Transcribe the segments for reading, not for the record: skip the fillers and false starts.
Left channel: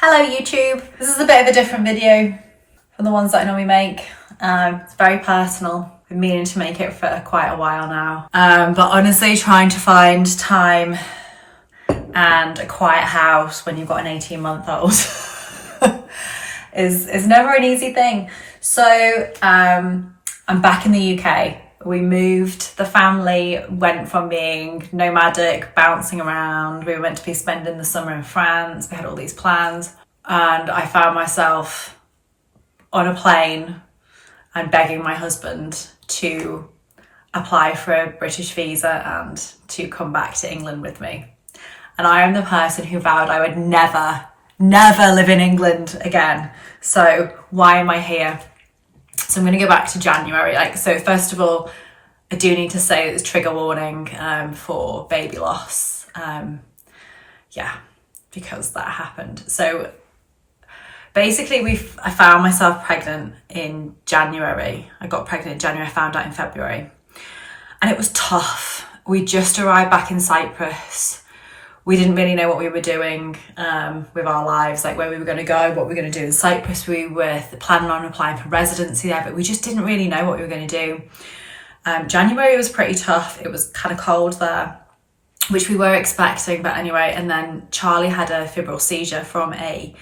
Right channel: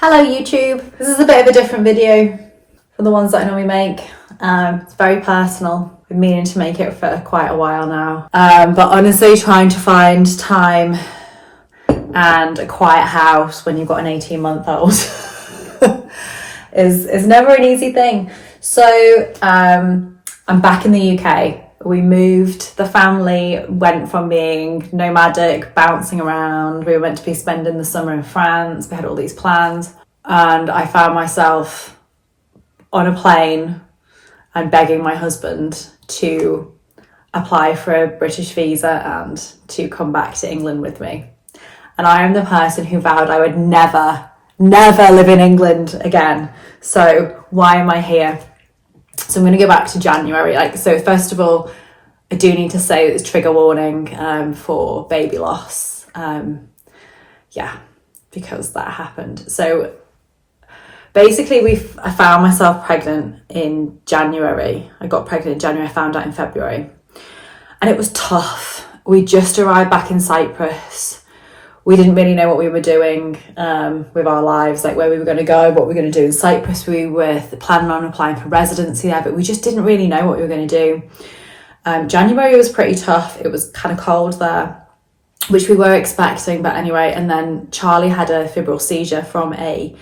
Hello YouTube, this is a bit of a different video from the ones that I normally make. It's very personal. I've been meaning to make it for quite a while now. But honestly, trying to find time and a quiet house when you've got an 18-month-old is never an easy thing. So I'm back in the UK. We moved, the family went from being nomadic, bouncing around. We were meant to be spending the summer in France. We had all these plans. And I found myself on a plane and begging my husband to apply for a British visa and to come back to England with me. And I am the person who vowed I would never live in England again. So why am I here? So I'm going to go back to January. So first of all, I do need to say there's trigger warning for baby loss. Because that happened. So basically I found myself pregnant in January. I got pregnant in January, I found out in February. And it was tough. We just arrived back in Cyprus. We didn't really know what we were doing with our lives, like where we were going to go, what we were going to do in Cyprus. We were planning on applying for residency there, but we just didn't really know what we were going to do. January was pretty tough. It was kind of cold there, which we were expecting, but anyway. And then Charlie had a febrile seizure from a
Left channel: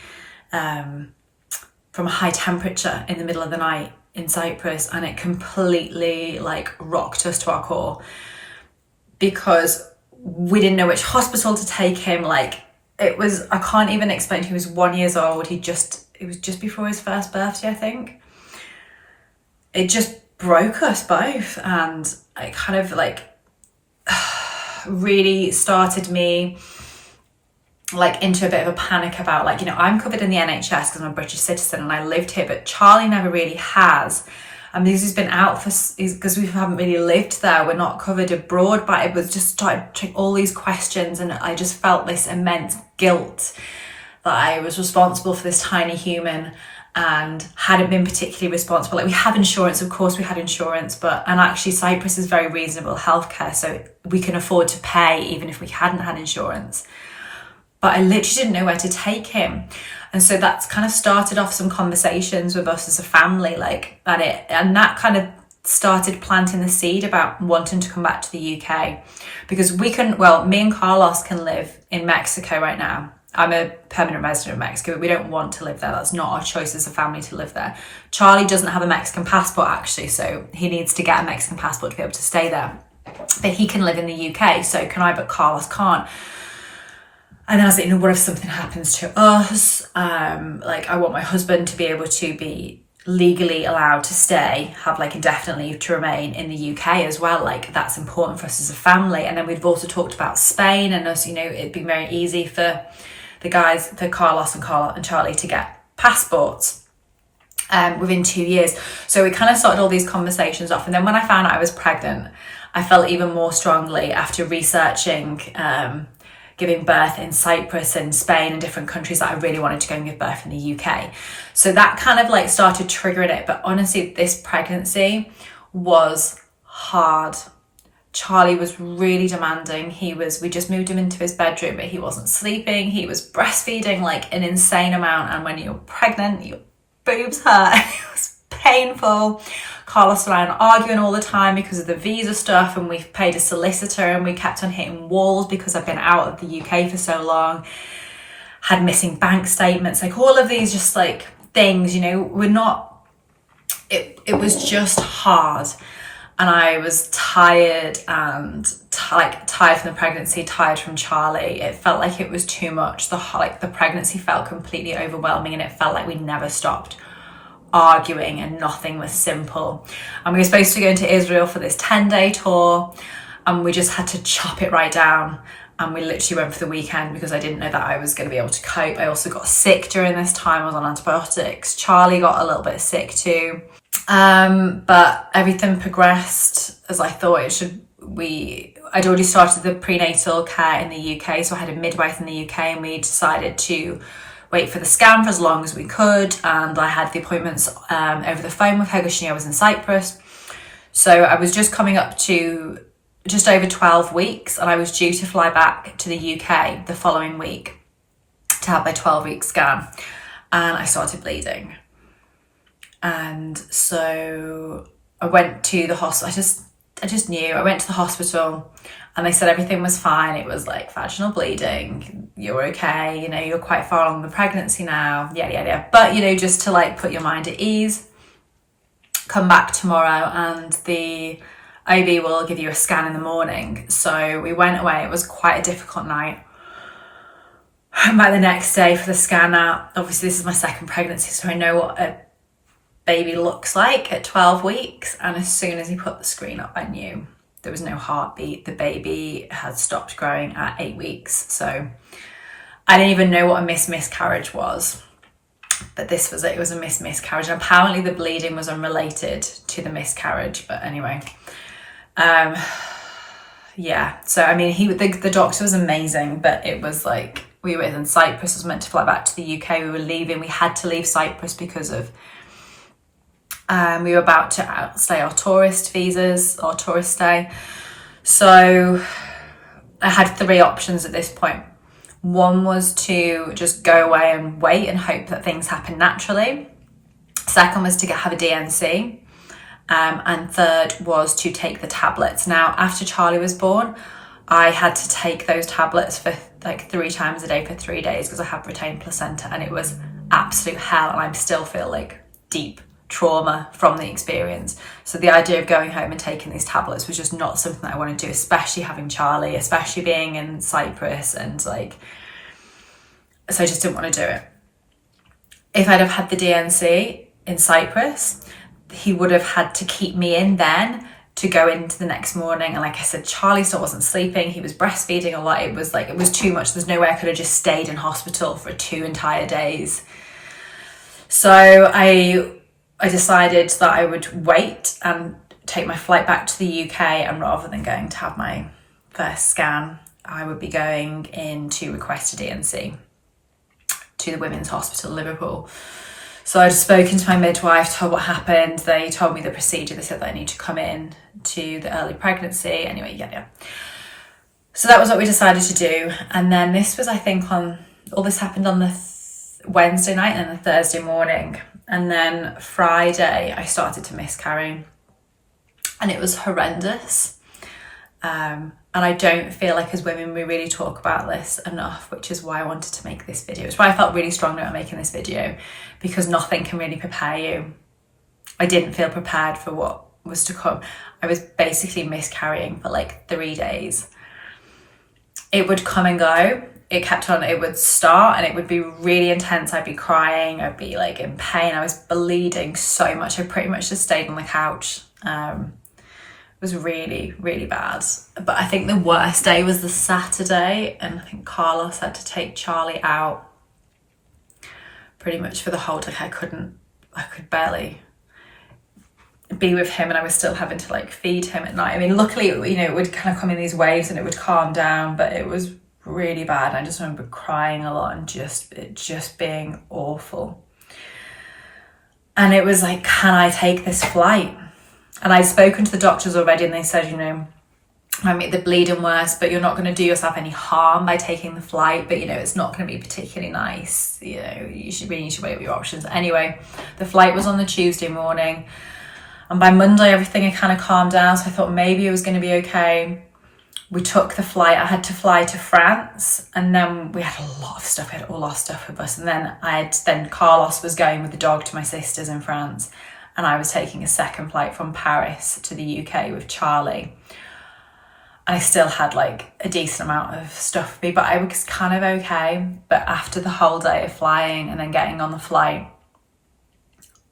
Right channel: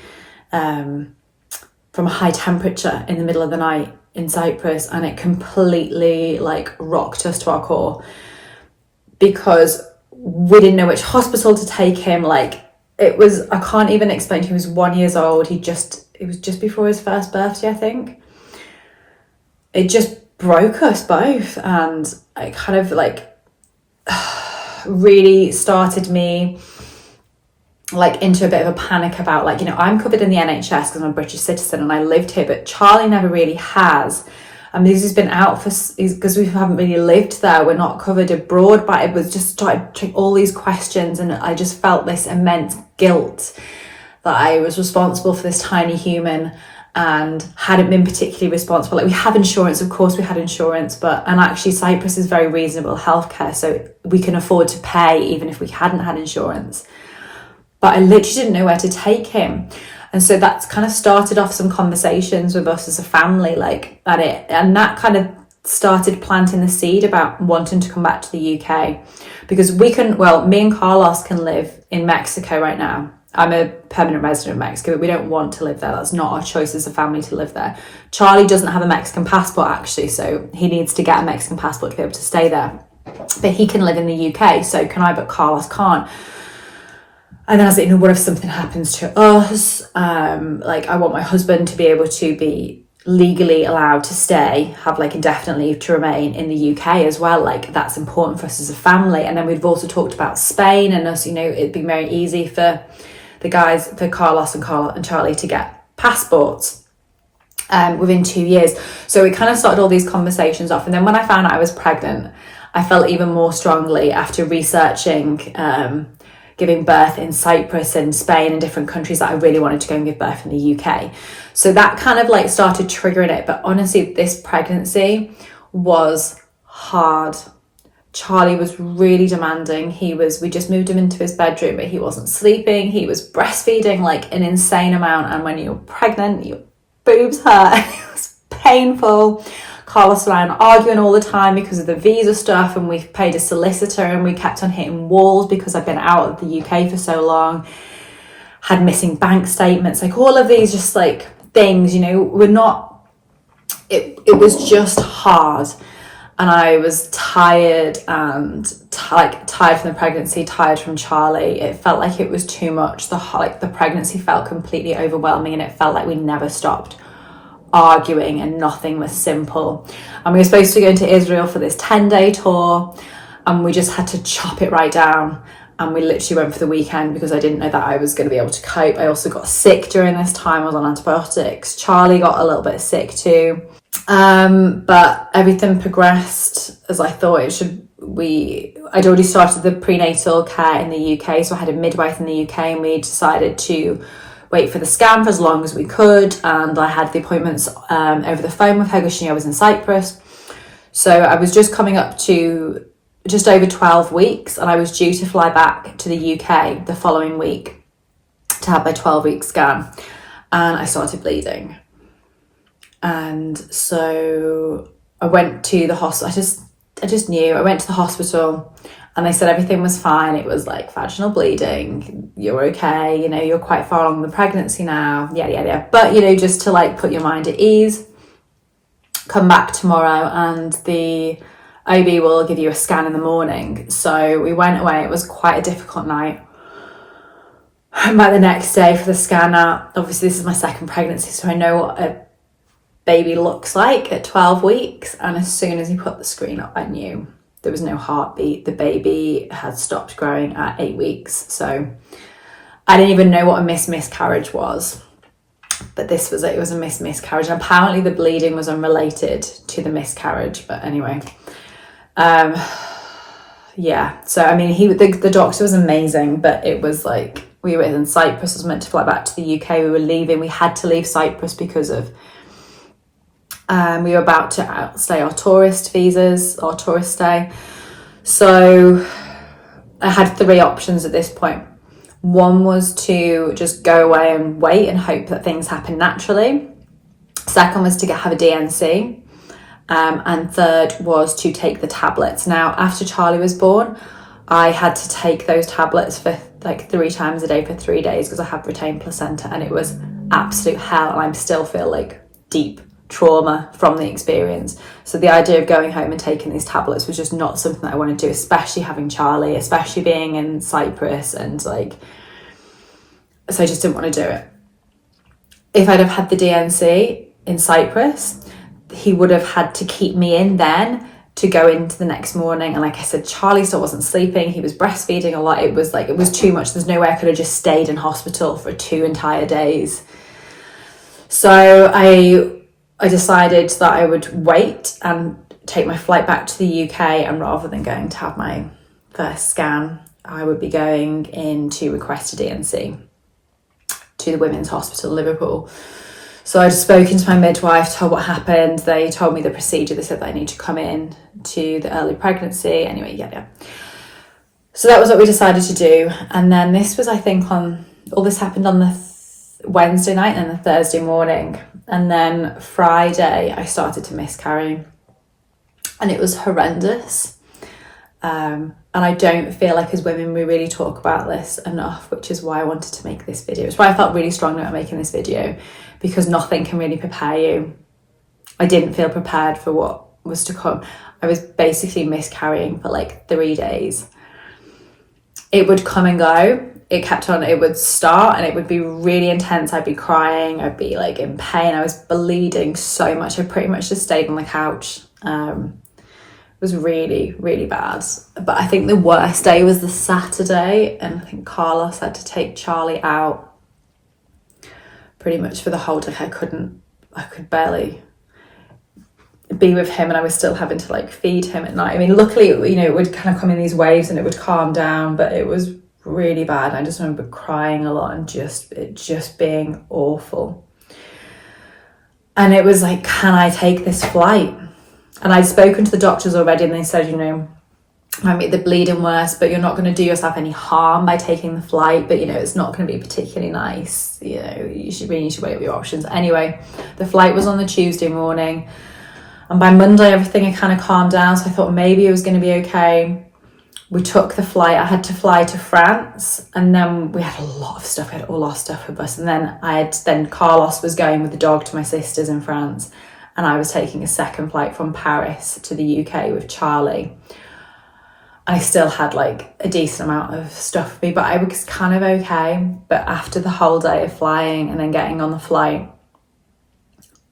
high temperature in the middle of the night in Cyprus, and it completely rocked us to our core because we didn't know which hospital to take him. I can't even explain to him. He was 1 year old. It was just before his first birthday, I think. It just broke us both, and it kind of really started me into a bit of a panic about I'm covered in the NHS because I'm a British citizen and I lived here, but Charlie never really has. And this has been out because we haven't really lived there. We're not covered abroad, but it was just started all these questions, and I just felt this immense guilt that I was responsible for this tiny human and hadn't been particularly responsible. We have insurance, of course we had insurance, and actually Cyprus is very reasonable healthcare, so we can afford to pay even if we hadn't had insurance. But I literally didn't know where to take him. And so that's kind of started off some conversations with us as a family, and that kind of started planting the seed about wanting to come back to the UK, because me and Carlos can live in Mexico right now. I'm a permanent resident of Mexico, but we don't want to live there. That's not our choice as a family to live there. Charlie doesn't have a Mexican passport actually, so he needs to get a Mexican passport to be able to stay there. But he can live in the UK, so can I, but Carlos can't. And then I was like, what if something happens to us? I want my husband to be able to be legally allowed to stay, have indefinite leave to remain in the UK as well. That's important for us as a family. And then we've also talked about Spain and us, it'd be very easy for the guys, for Carlos and Charlie to get passports within 2 years. So we kind of started all these conversations off. And then when I found out I was pregnant, I felt even more strongly after researching giving birth in Cyprus and Spain and different countries that I really wanted to go and give birth in the UK. So that kind of started triggering it. But honestly, this pregnancy was hard. Charlie was really demanding. We just moved him into his bedroom, but he wasn't sleeping. He was breastfeeding an insane amount. And when you're pregnant, your boobs hurt. It was painful. Carlos and I were arguing all the time because of the visa stuff, and we paid a solicitor and we kept on hitting walls because I've been out of the UK for so long, had missing bank statements, all of these just things, it was just hard. And I was tired and tired from the pregnancy, tired from Charlie. It felt like it was too much. The pregnancy felt completely overwhelming, and it felt like we never stopped arguing and nothing was simple. And we were supposed to go into Israel for this 10-day tour, and we just had to chop it right down. And we literally went for the weekend because I didn't know that I was going to be able to cope. I also got sick during this time. I was on antibiotics. Charlie got a little bit sick too. But everything progressed as I thought it should. I'd already started the prenatal care in the UK, so I had a midwife in the UK, and we decided to wait for the scan for as long as we could. And I had the appointments over the phone with her because she knew I was in Cyprus. So I was just coming up to just over 12 weeks, and I was due to fly back to the UK the following week to have my 12-week scan, and I started bleeding. And so I went to the hospital. I just knew. I went to the hospital and they said everything was fine. It was like vaginal bleeding. You're okay. You know, you're quite far along the pregnancy now. Yeah. But, you know, just to like put your mind at ease, come back tomorrow and the OB will give you a scan in the morning. So we went away. It was quite a difficult night. I'm back the next day for the scan out. Obviously, this is my second pregnancy, so I know what a baby looks like at 12 weeks. And as soon as he put the screen up, I knew there was no heartbeat. The baby had stopped growing at 8 weeks. So I didn't even know what a miscarriage was. But this was it was a miscarriage. And apparently the bleeding was unrelated to the miscarriage. But anyway, yeah. So, I mean, the doctor was amazing, but it was like, we were in Cyprus. I was meant to fly back to the UK. We were leaving. We had to leave Cyprus because of, we were about to outstay our tourist visas, our tourist stay. So I had 3 options at this point. One was to just go away and wait and hope that things happen naturally. Second was to have a DNC. And third was to take the tablets. Now, after Charlie was born, I had to take those tablets for like 3 times a day for 3 days because I have retained placenta, and it was absolute hell. And I still feel like deep trauma from the experience. So the idea of going home and taking these tablets was just not something that I want to do, especially having Charlie, especially being in Cyprus, and like, so I just didn't want to do it. If I'd have had the DNC in Cyprus, he would have had to keep me in then to go into the next morning. And like I said, Charlie still wasn't sleeping. He was breastfeeding a lot. It was too much. There's no way I could have just stayed in hospital for 2 entire days. So I decided that I would wait and take my flight back to the UK, and rather than going to have my first scan, I would be going in to request a DNC to the Women's Hospital Liverpool. So I'd spoken to my midwife, told what happened. They told me the procedure. They said that I need to come in to the early pregnancy. Anyway, yeah. So that was what we decided to do. And then this was, I think, all this happened on the Wednesday night and the Thursday morning. And then Friday, I started to miscarry. And it was horrendous. And I don't feel like as women, we really talk about this enough, which is why I wanted to make this video. It's why I felt really strongly about making this video, because nothing can really prepare you. I didn't feel prepared for what was to come. I was basically miscarrying for like 3 days. It would come and go. It kept on, it would start and it would be really intense. I'd be crying, I'd be like in pain. I was bleeding so much. I pretty much just stayed on the couch. It was really, really bad. But I think the worst day was the Saturday, and I think Carlos had to take Charlie out pretty much for the whole day. I could barely be with him, and I was still having to like feed him at night. I mean, luckily, you know, it would kind of come in these waves and it would calm down, but it was really bad. I just remember crying a lot and it just being awful. And it was like, can I take this flight? And I'd spoken to the doctors already, and they said, you know, might make the bleeding worse, but you're not going to do yourself any harm by taking the flight. But, you know, it's not going to be particularly nice. You know, you should weigh up your options. Anyway, the flight was on the Tuesday morning. And by Monday, everything had kind of calmed down. So I thought maybe it was going to be okay. We took the flight. I had to fly to France, and then we had a lot of stuff. We had all our stuff with us. And then Carlos was going with the dog to my sister's in France. And I was taking a second flight from Paris to the UK with Charlie. And I still had like a decent amount of stuff with me, but I was kind of okay. But after the whole day of flying and then getting on the flight,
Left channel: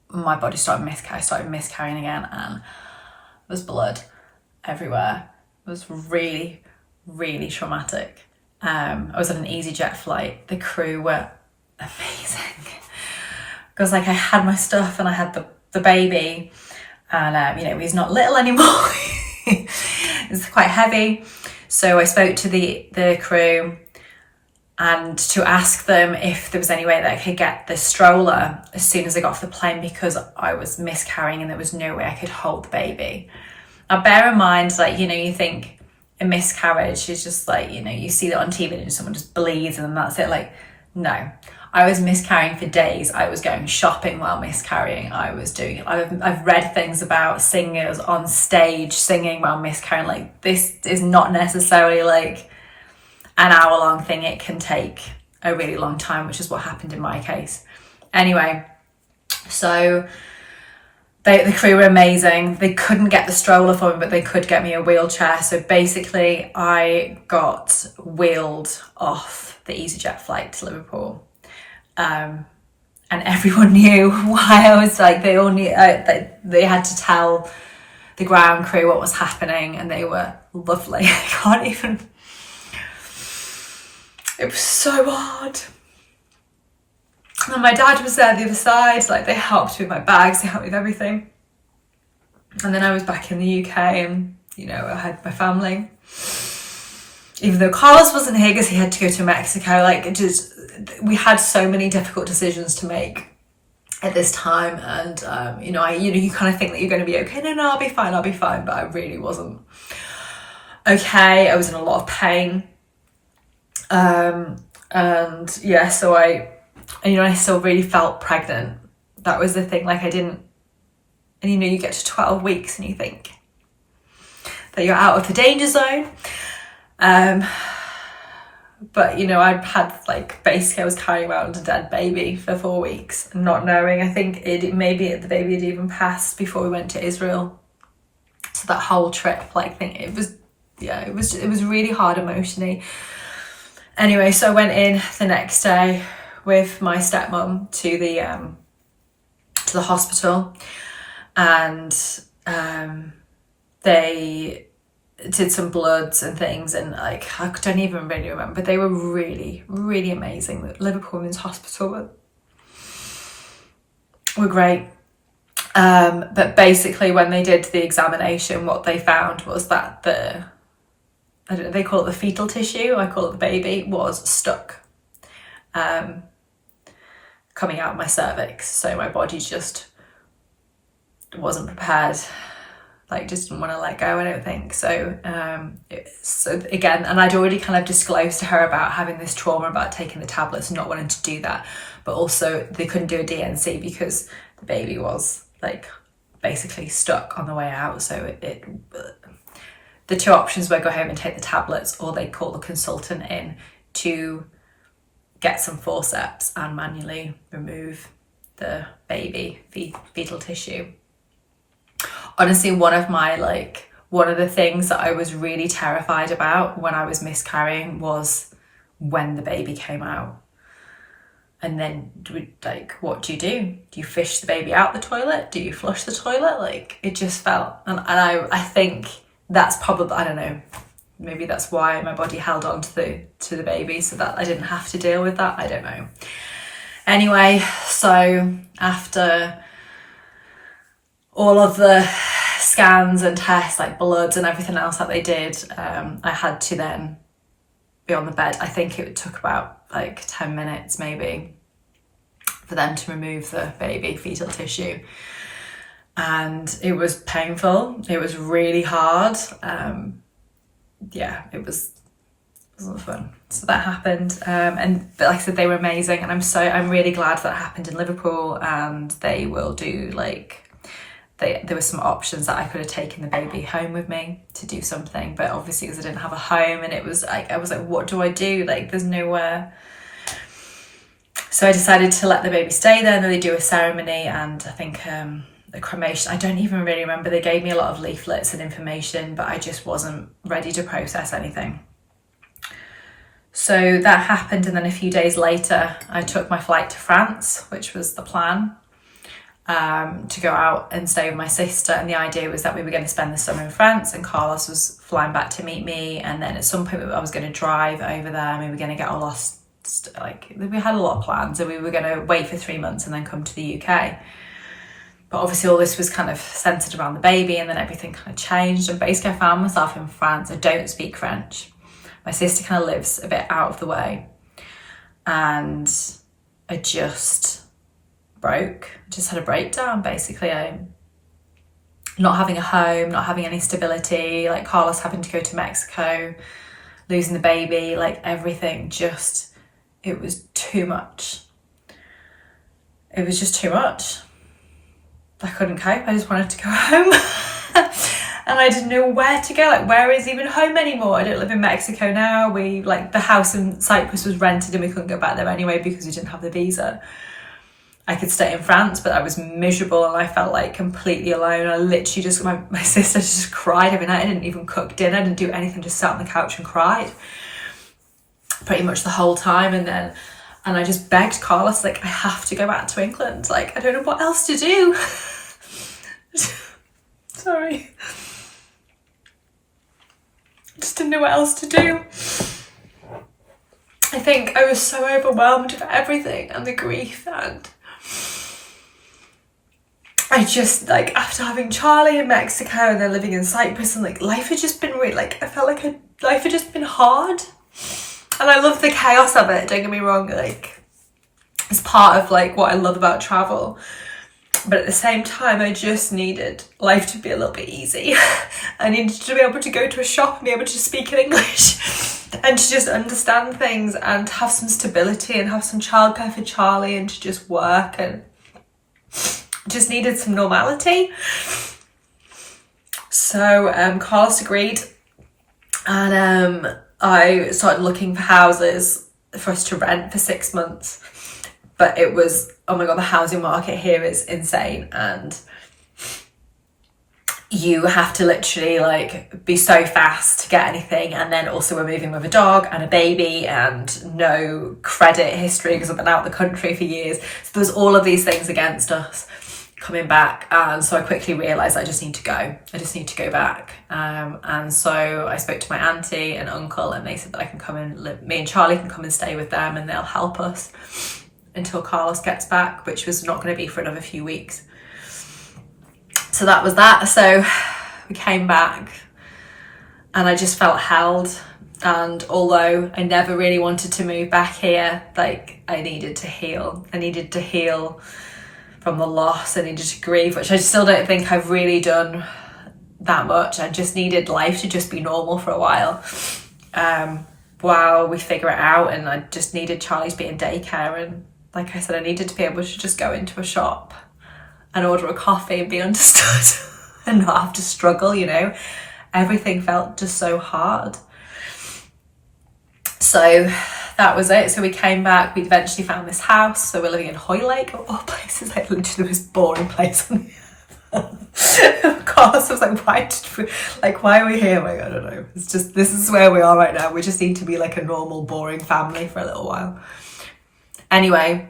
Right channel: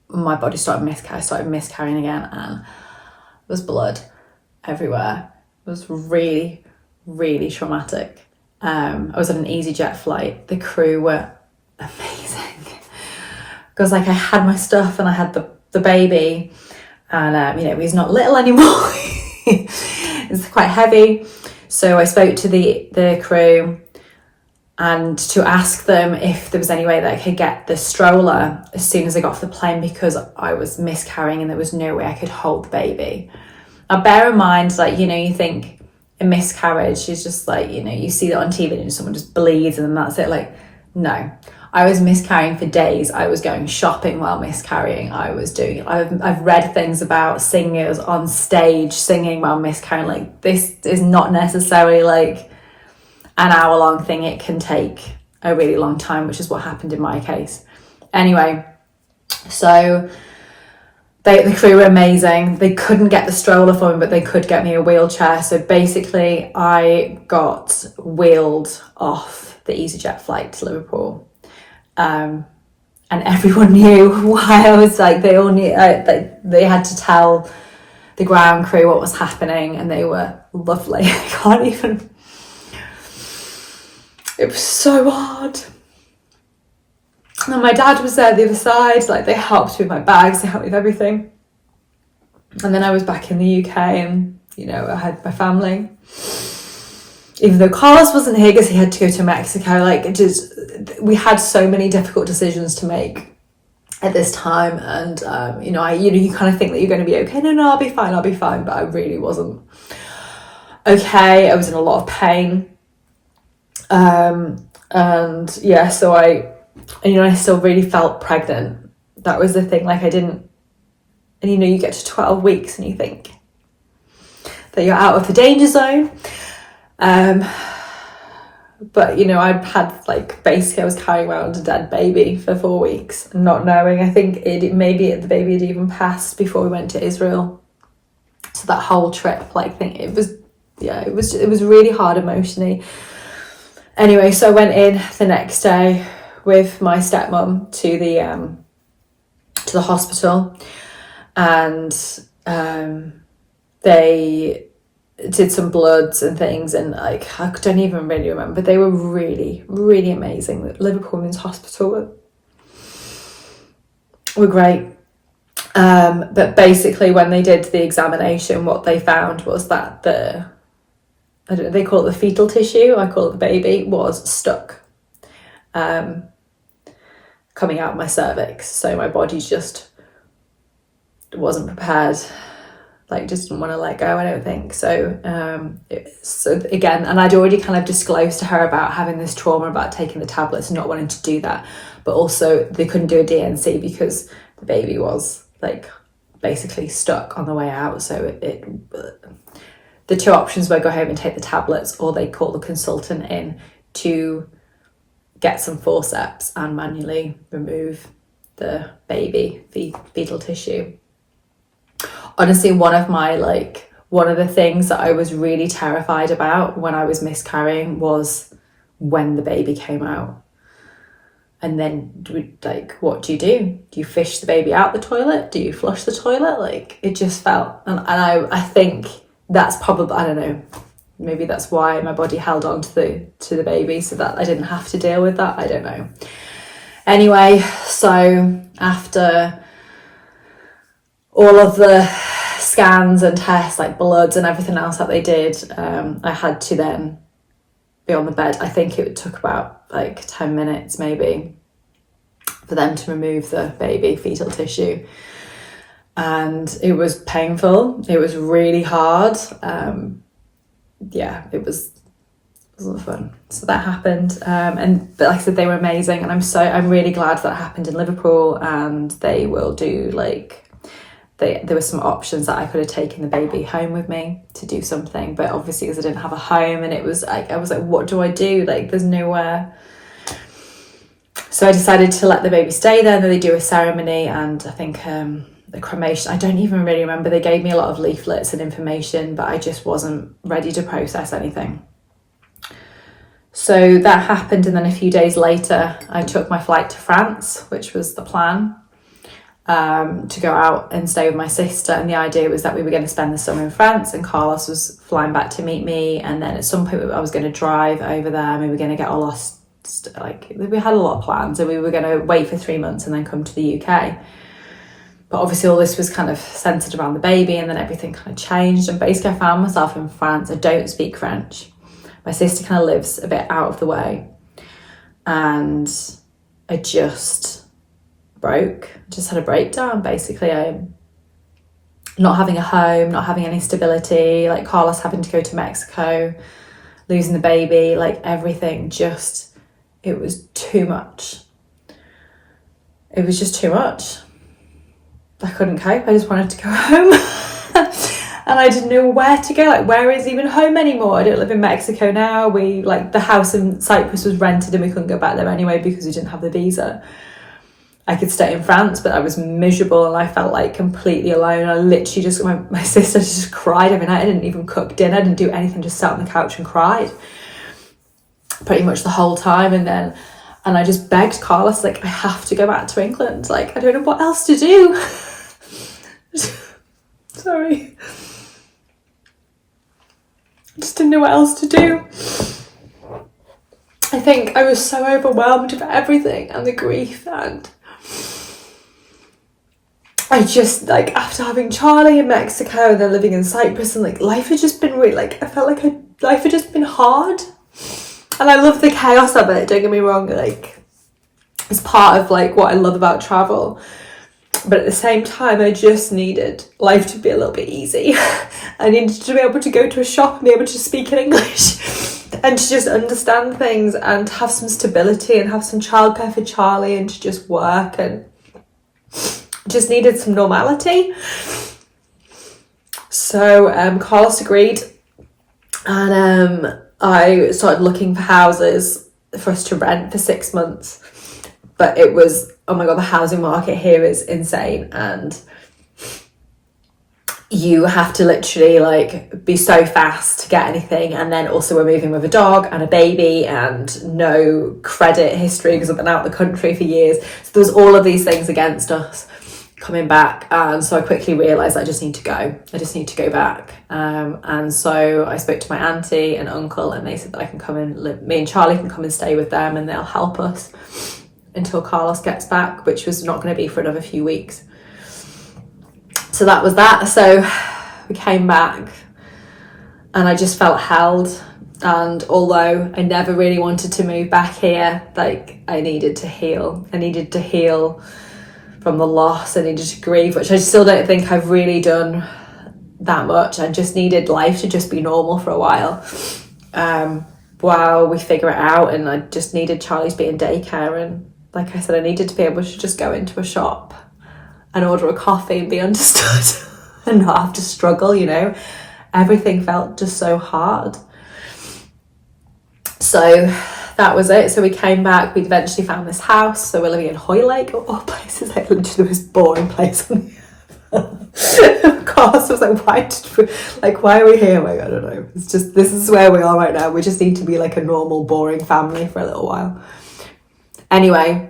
my body started miscarrying again, and there was blood everywhere. It was really, really traumatic. I was on an EasyJet flight. The crew were amazing. Because like I had my stuff and I had the baby, and you know, he's not little anymore. It's quite heavy. So I spoke to the crew and to ask them if there was any way that I could get the stroller as soon as I got off the plane, because I was miscarrying and there was no way I could hold the baby. Now bear in mind, like, you know, you think a miscarriage is just like, you know, you see that on TV and someone just bleeds and then that's it. Like, No. I was miscarrying for days. I was going shopping while miscarrying. I've read things about singers on stage singing while miscarrying. Like, this is not necessarily like an hour-long thing. It can take a really long time, which is what happened in my case. Anyway, so the crew were amazing. They couldn't get the stroller for me, but they could get me a wheelchair. So basically, I got wheeled off the EasyJet flight to Liverpool. And everyone knew why I was like, they all knew, they had to tell the ground crew what was happening, and they were lovely. I can't even, it was so hard. And my dad was there the other side, like, they helped with my bags, they helped with everything. And then I was back in the UK, and, you know, I had my family. Even though Carlos wasn't here because he had to go to Mexico, like, we had so many difficult decisions to make at this time. And, you kind of think that you're going to be okay. No, I'll be fine. But I really wasn't okay. I was in a lot of pain. And yeah, so I still really felt pregnant. That was the thing. Like, I didn't, and you get to 12 weeks and you think that you're out of the danger zone. But I had, like, basically I was carrying around a dead baby for 4 weeks, not knowing. I think maybe the baby had even passed before we went to Israel. So that whole trip, like, it was really hard emotionally. Anyway, so I went in the next day with my stepmom to the hospital, and they did some bloods and things, and, like, I don't even really remember. They were really, really amazing. The Liverpool Women's Hospital were great. But basically, when they did the examination, what they found was that they call it the fetal tissue, I call it the baby, was stuck coming out of my cervix. So my body just wasn't prepared, like, just didn't want to let go, I don't think. So again, and I'd already kind of disclosed to her about having this trauma about taking the tablets and not wanting to do that. But also they couldn't do a DNC because the baby was, like, basically stuck on the way out. So the two options were go home and take the tablets, or they call the consultant in to get some forceps and manually remove the baby fetal tissue. Honestly, one of the things that I was really terrified about when I was miscarrying was when the baby came out. And then, what do? Do you fish the baby out the toilet? Do you flush the toilet? Like, it just felt, and I think that's probably, I don't know, maybe that's why my body held on to the baby, so that I didn't have to deal with that. I don't know. Anyway, so after all of the scans and tests, like bloods and everything else that they did, I had to then be on the bed. I think it took about, like, 10 minutes maybe for them to remove the baby fetal tissue. And it was painful. It was really hard. It wasn't fun. So that happened. But like I said, they were amazing. And I'm really glad that happened in Liverpool. And they will do, like, there were some options that I could have taken the baby home with me to do something. But obviously, because I didn't have a home, and it was like, I was like, what do I do? Like, there's nowhere. So I decided to let the baby stay there, and then they do a ceremony, and I think the cremation, I don't even really remember. They gave me a lot of leaflets and information, but I just wasn't ready to process anything. So that happened, and then a few days later, I took my flight to France, which was the plan, to go out and stay with my sister. And the idea was that we were going to spend the summer in France, and Carlos was flying back to meet me, and then at some point I was going to drive over there, and we were going to get our lost, like, we had a lot of plans, and we were going to wait for 3 months and then come to the UK. But obviously all this was kind of centered around the baby, and then everything kind of changed, and basically I found myself in France. I don't speak French. My sister kind of lives a bit out of the way, and I just had a breakdown. Basically, I'm not having a home, not having any stability, like Carlos having to go to Mexico, losing the baby, like everything just, it was too much. It was just too much. I couldn't cope. I just wanted to go home. And I didn't know where to go. Like, where is even home anymore? I don't live in Mexico now. The house in Cyprus was rented and we couldn't go back there anyway because we didn't have the visa. I could stay in France, but I was miserable and I felt like completely alone. I literally just, my sister just cried every night. I didn't even cook dinner. I didn't do anything, just sat on the couch and cried pretty much the whole time. And I just begged Carlos, like, I have to go back to England. Like, I don't know what else to do. Sorry. I just didn't know what else to do. I think I was so overwhelmed with everything and the grief, and I just, like, after having Charlie in Mexico and then living in Cyprus, and like life had just been really, like, I felt like life had just been hard. And I love the chaos of it, don't get me wrong, like, it's part of like what I love about travel. But at the same time, I just needed life to be a little bit easy. I needed to be able to go to a shop and be able to speak in English and to just understand things and have some stability and have some childcare for Charlie and to just work, and just needed some normality. So Carlos agreed, and I started looking for houses for us to rent for 6 months. But it was, oh my God, the housing market here is insane. And you have to literally like be so fast to get anything. And then also we're moving with a dog and a baby and no credit history because I've been out of the country for years. So there was all of these things against us coming back. And so I quickly realised I just need to go. I just need to go back. And so I spoke to my auntie and uncle, and they said that I can come and live, me and Charlie can come and stay with them and they'll help us until Carlos gets back, which was not going to be for another few weeks. So that was that. So we came back and I just felt held. And although I never really wanted to move back here, like, I needed to heal. I needed to heal from the loss. I needed to grieve, which I still don't think I've really done that much. I just needed life to just be normal for a while we figure it out. And I just needed Charlie to be in daycare, and like I said, I needed to be able to just go into a shop and order a coffee and be understood and not have to struggle, you know. Everything felt just so hard. So that was it. So we came back, we eventually found this house. So we're living in Hoylake, of all places. Like, literally the most boring place on the earth. Of course, I was like, why are we here? Like, I don't know. It's just, this is where we are right now. We just need to be like a normal, boring family for a little while. Anyway,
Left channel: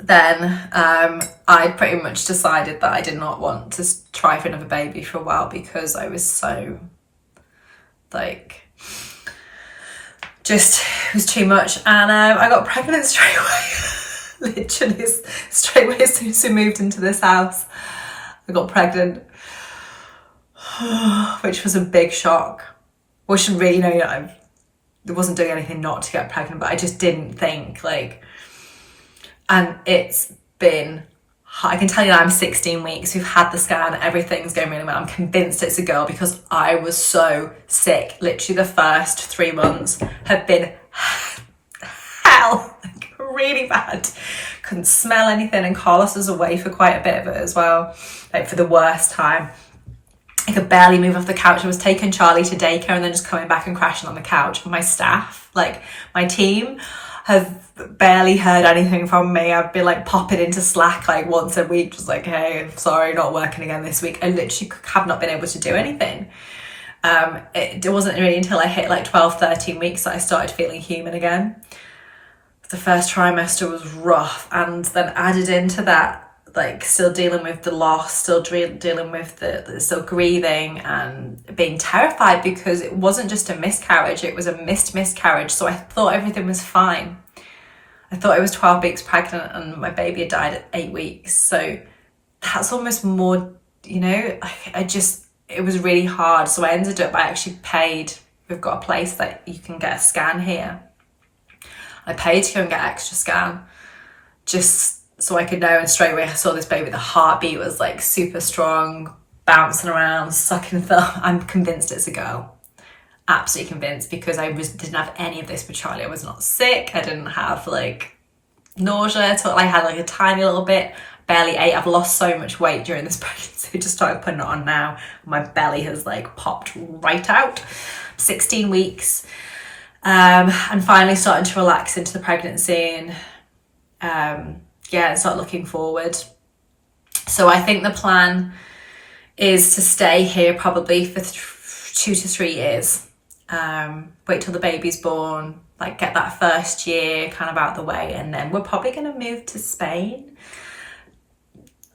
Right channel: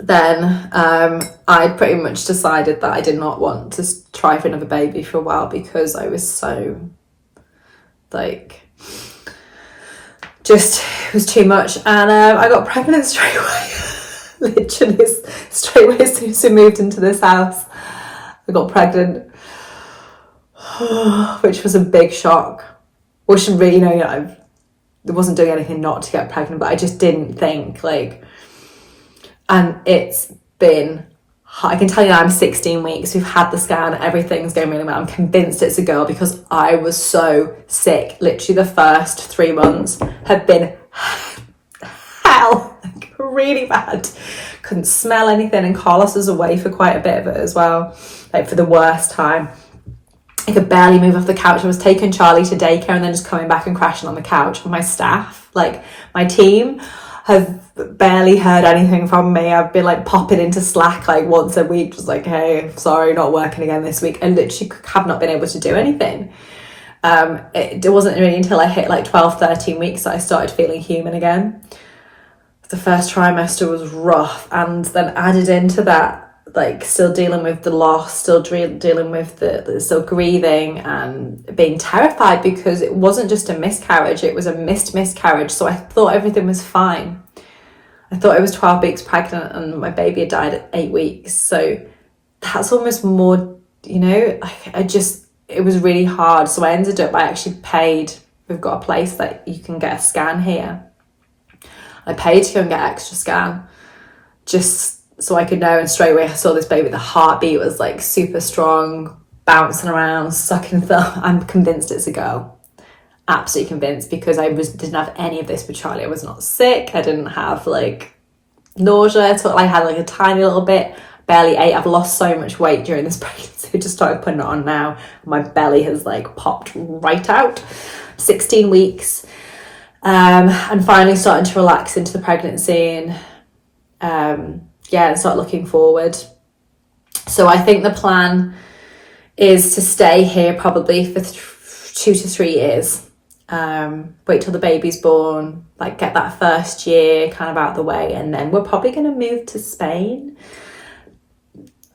then I'd pretty much decided that I did not want to try for another baby for a while because I was so, like, just, it was too much. And I got pregnant straight away. Literally straight away as soon as we moved into this house, I got pregnant, which was a big shock. Which really, I wasn't doing anything not to get pregnant, but I just didn't think, like, and it's been, I can tell you now, I'm 16 weeks, we've had the scan, everything's going really well. I'm convinced it's a girl because I was so sick. Literally the first 3 months have been hell, like really bad. Couldn't smell anything, and Carlos was away for quite a bit of it as well, like for the worst time. I could barely move off the couch. I was taking Charlie to daycare and then just coming back and crashing on the couch. And my staff, like my team, have barely heard anything from me. I've been like popping into Slack like once a week, just like, hey, sorry, not working again this week. I literally have not been able to do anything. It wasn't really until I hit like 12, 13 weeks that I started feeling human again. The first trimester was rough, and then added into that, like, still dealing with the loss, still dealing with the still grieving and being terrified because it wasn't just a miscarriage, it was a missed miscarriage. So I thought everything was fine. I thought I was 12 weeks pregnant and my baby had died at 8 weeks. So that's almost more, it was really hard. So I ended up, I actually paid, we've got a place that you can get a scan here. I paid to go and get an extra scan just so I could know, and straight away I saw this baby, the heartbeat was like super strong, bouncing around, sucking thumb. I'm convinced it's a girl. absolutely convinced, because I didn't have any of this with Charlie. I was not sick. I didn't have like nausea at all. I had like a tiny little bit, barely ate. I've lost so much weight during this pregnancy. I just started putting it on now. My belly has like popped right out. 16 weeks. And finally starting to relax into the pregnancy and and start looking forward. So I think the plan is to stay here probably for 2 to 3 years. Wait till the baby's born, like get that first year kind of out the way, and then we're probably going to move to Spain.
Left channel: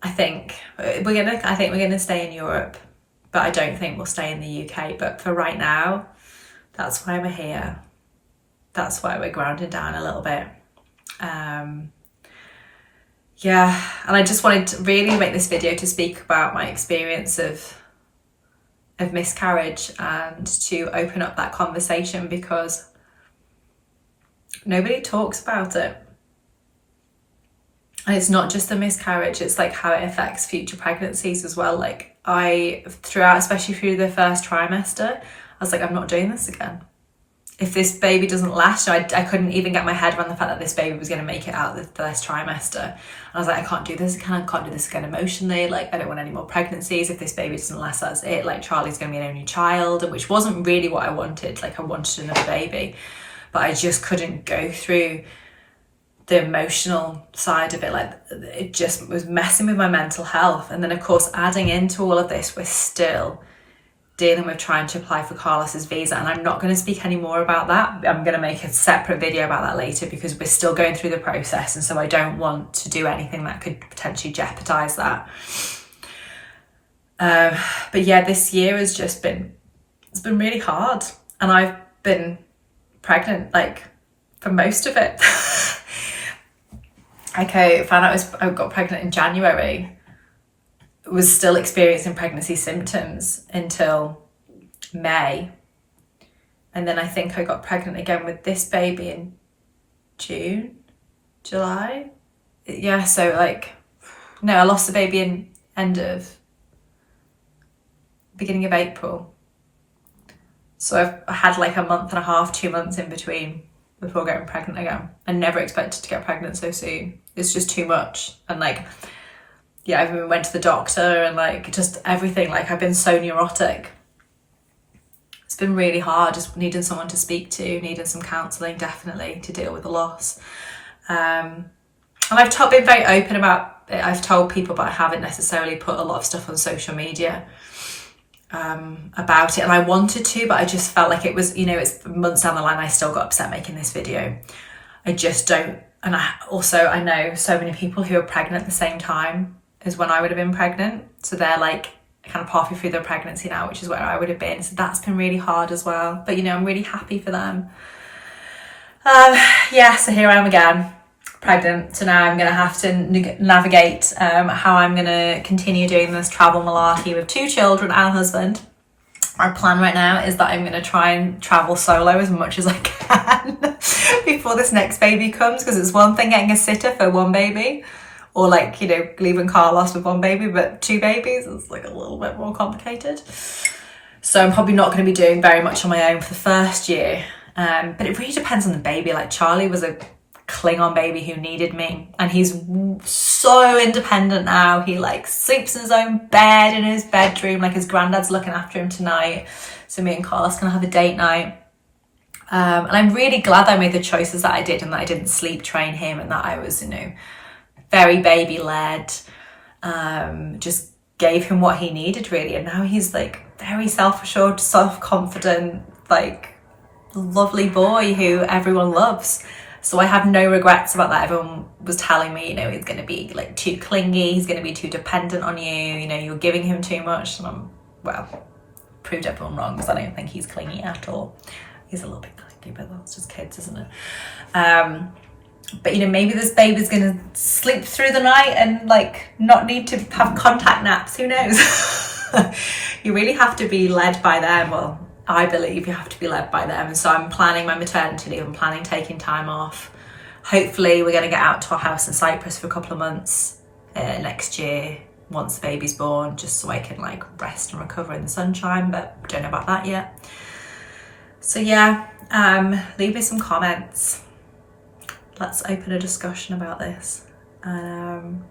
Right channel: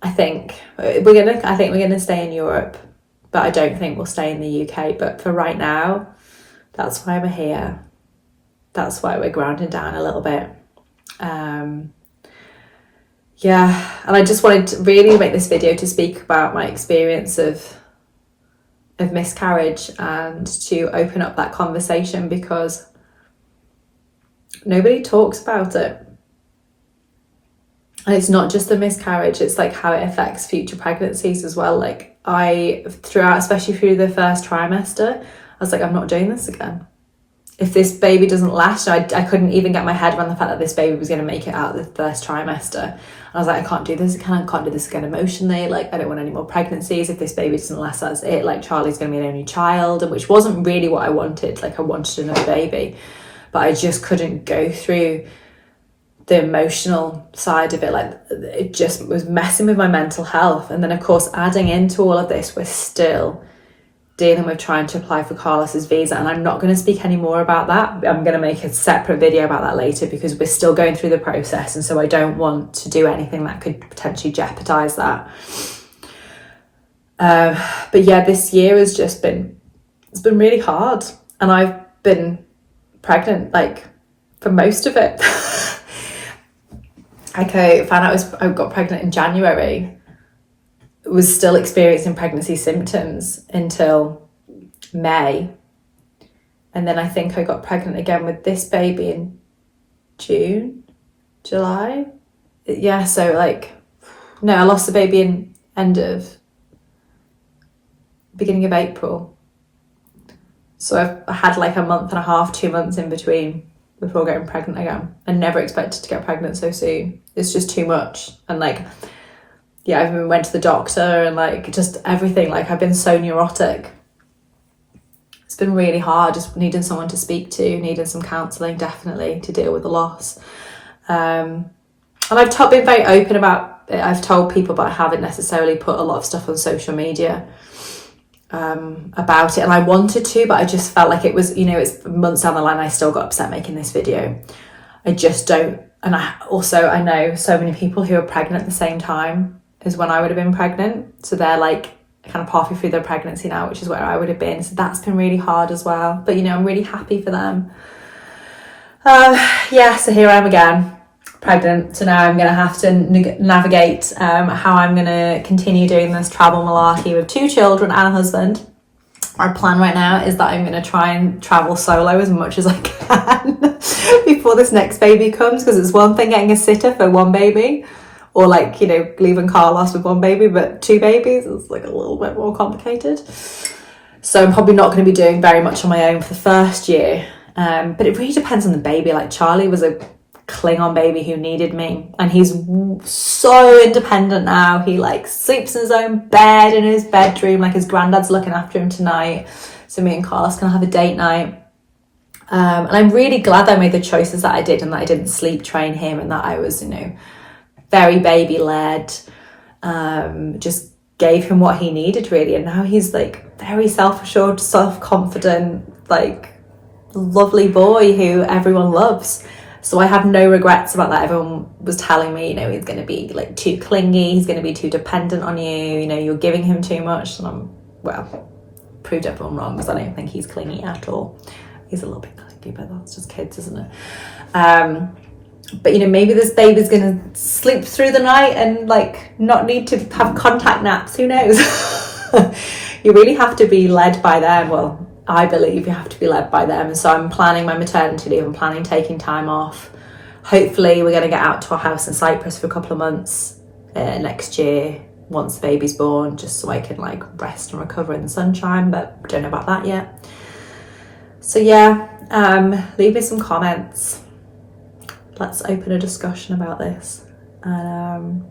I think we're gonna stay in Europe, but I don't think we'll stay in the UK. But for right now, that's why we're here. That's why we're grounding down a little bit. And I just wanted to really make this video to speak about my experience of miscarriage and to open up that conversation, because nobody talks about it. And it's not just the miscarriage, it's like how it affects future pregnancies as well. Like throughout, especially through the first trimester, I was like, I'm not doing this again. If this baby doesn't last, I couldn't even get my head around the fact that this baby was going to make it out of the first trimester. And I was like, I can't do this again. I can't do this again emotionally. Like, I don't want any more pregnancies. If this baby doesn't last, that's it. Like, Charlie's going to be an only child, which wasn't really what I wanted. Like, I wanted another baby, but I just couldn't go through the emotional side of it. Like, it just was messing with my mental health. And then, of course, adding into all of this, we're still dealing with trying to apply for Carlos's visa, and I'm not going to speak any more about that. I'm going to make a separate video about that later, because we're still going through the process, and so I don't want to do anything that could potentially jeopardize that. But yeah, this year has just been, it's been really hard, and I've been pregnant like for most of it. Okay, found out I got pregnant in January, was still experiencing pregnancy symptoms until May. And then I think I got pregnant again with this baby in July. Yeah, so like, no, I lost the baby in beginning of April. So I had like a month and a half, 2 months in between before getting pregnant again. I never expected to get pregnant so soon. It's just too much. And like, yeah, I even went to the doctor and like just everything. Like, I've been so neurotic. It's been really hard, just needing someone to speak to, needing some counselling, definitely, to deal with the loss. And I've been very open about it. I've told people, but I haven't necessarily put a lot of stuff on social media about it. And I wanted to, but I just felt like it was, you know, it's months down the line. I still got upset making this video. I just don't. And I know so many people who are pregnant at the same time as when I would have been pregnant. So they're like kind of halfway through their pregnancy now, which is where I would have been. So that's been really hard as well. But, you know, I'm really happy for them. So here I am again, pregnant. So now I'm going to have to navigate how I'm going to continue doing this travel malarkey with 2 children and a husband. My plan right now is that I'm going to try and travel solo as much as I can before this next baby comes, because it's one thing getting a sitter for 1 baby, or like, you know, leaving Carlos with 1 baby, but 2 babies is like a little bit more complicated. So I'm probably not going to be doing very much on my own for the first year. But it really depends on the baby. Like, Charlie was a Klingon baby who needed me, and he's so independent now. He like sleeps in his own bed in his bedroom. Like, his granddad's looking after him tonight. So me and Carlos can have a date night. And I'm really glad that I made the choices that I did, and that I didn't sleep train him, and that I was, you know, very baby led, just gave him what he needed really. And now he's like very self-assured, self-confident, like lovely boy who everyone loves. So I have no regrets about that. Everyone was telling me, you know, he's going to be like too clingy, he's going to be too dependent on you, you know, you're giving him too much. And proved everyone wrong, because I don't think he's clingy at all. He's a little bit clingy, but that's just kids, isn't it? But, you know, maybe this baby's going to sleep through the night and like not need to have contact naps. Who knows? You really have to be led by them. Well, I believe you have to be led by them. And so I'm planning my maternity leave. I'm planning taking time off. Hopefully we're going to get out to our house in Cyprus for a couple of months next year once the baby's born, just so I can like rest and recover in the sunshine. But don't know about that yet. So yeah, leave me some comments. Let's open a discussion about this. And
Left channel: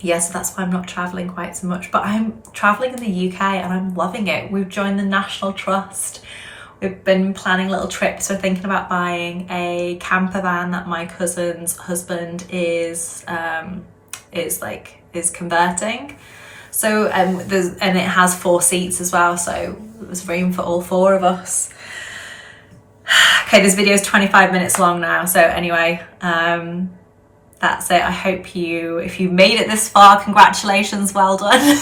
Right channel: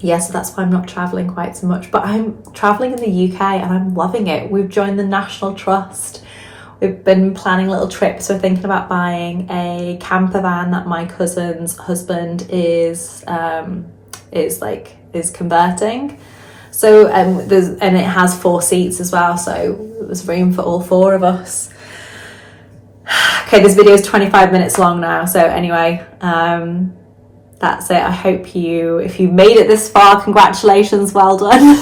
yeah, so that's why I'm not traveling quite so much, but I'm traveling in the UK and I'm loving it. We've joined the National Trust. We've been planning little trips. We're thinking about buying a camper van that my cousin's husband is converting. So and it has 4 seats as well, so there's room for all 4 of us. Okay, this video is 25 minutes long now, so anyway, that's it. I hope if you made it this far, congratulations, well done.